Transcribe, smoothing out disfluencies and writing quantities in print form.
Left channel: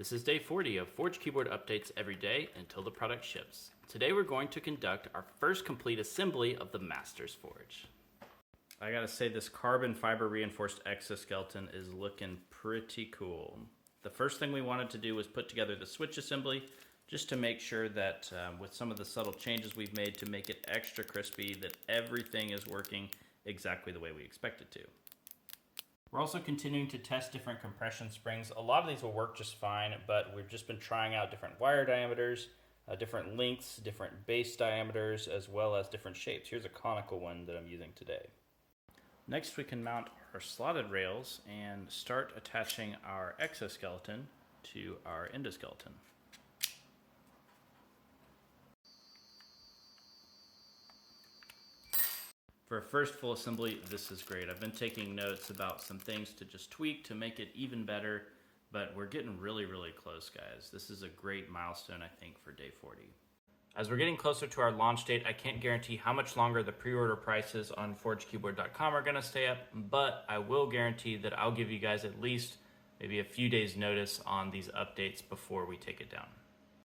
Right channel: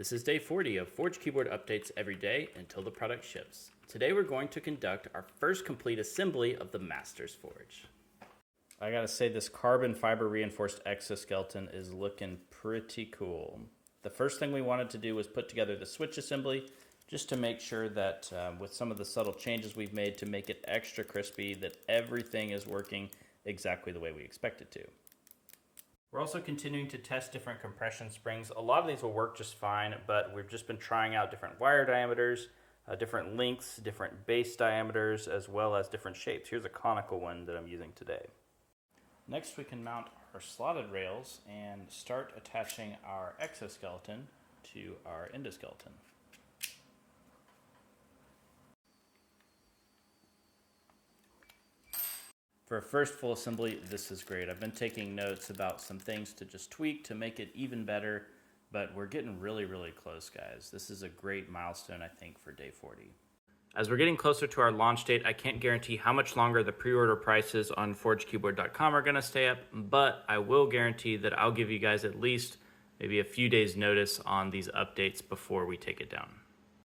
This is day 40 of Forge keyboard updates every day until the product ships. Today we're going to conduct our first complete assembly of the Masters Forge. I gotta say, this carbon fiber reinforced exoskeleton is looking pretty cool. The first thing we wanted to do was put together the switch assembly just to make sure that with some of the subtle changes we've made to make it extra crispy, that everything is working exactly the way we expect it to. We're also continuing to test different compression springs. A lot of these will work just fine, but we've just been trying out different wire diameters, different lengths, different base diameters, as well as different shapes. Here's a conical one that I'm using today. Next, we can mount our slotted rails and start attaching our exoskeleton to our endoskeleton. For a first full assembly, this is great. I've been taking notes about some things to just tweak to make it even better, but we're getting really close, guys. This is a great milestone, I think, for day 40. As we're getting closer to our launch date, I can't guarantee how much longer the pre-order prices on forgekeyboard.com are gonna stay up, but I will guarantee that I'll give you guys at least maybe a few days notice on these updates before we take it down.